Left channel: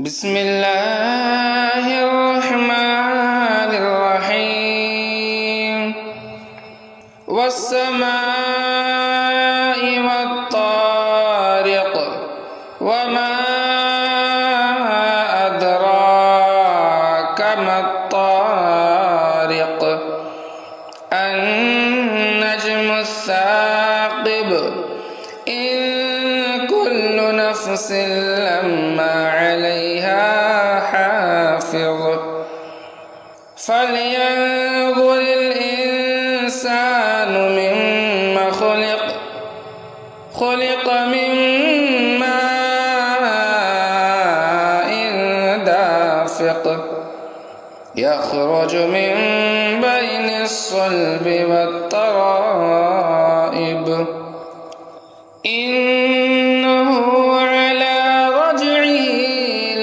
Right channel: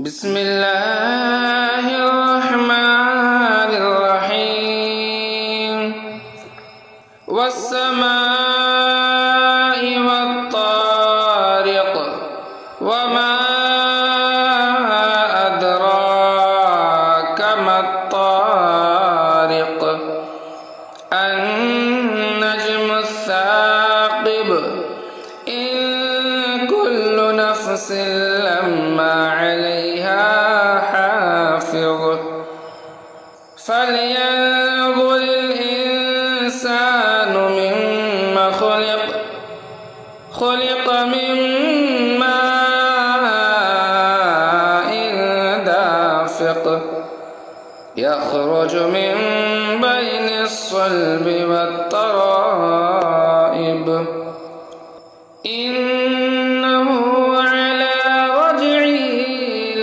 بسم الله الرحمن الرحيم والسماء والطارق وما أدراك ما الطارق النجم الثاقب إن كل نفس لما عليها حافظ فلينظر الإنسان مما خلق من ماء دافق يخرج من بين الصلب والترائب إنه على رجعه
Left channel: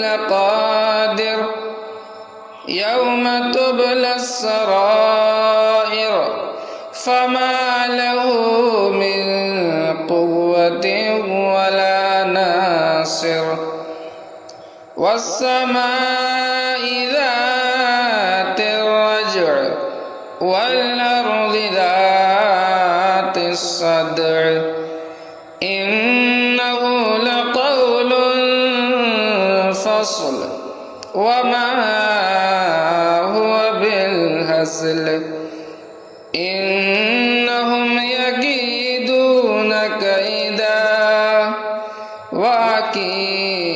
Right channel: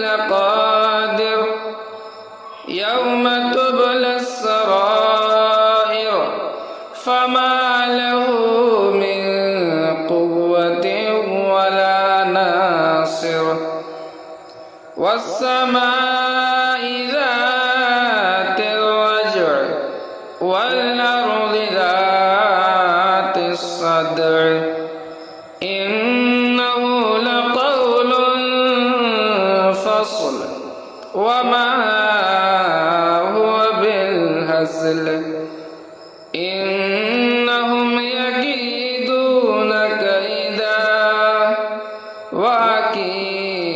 لقادر يوم تبلى السرائر فما له من قوة ولا ناصر والسماء ذات الرجع والأرض ذات الصدع إنه لقول فصل وما هو بالهزل إنهم يكيدون كيدا وأكيد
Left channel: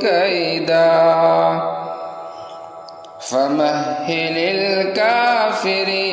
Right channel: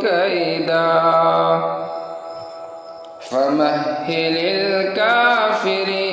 كيدا فمهل الكافرين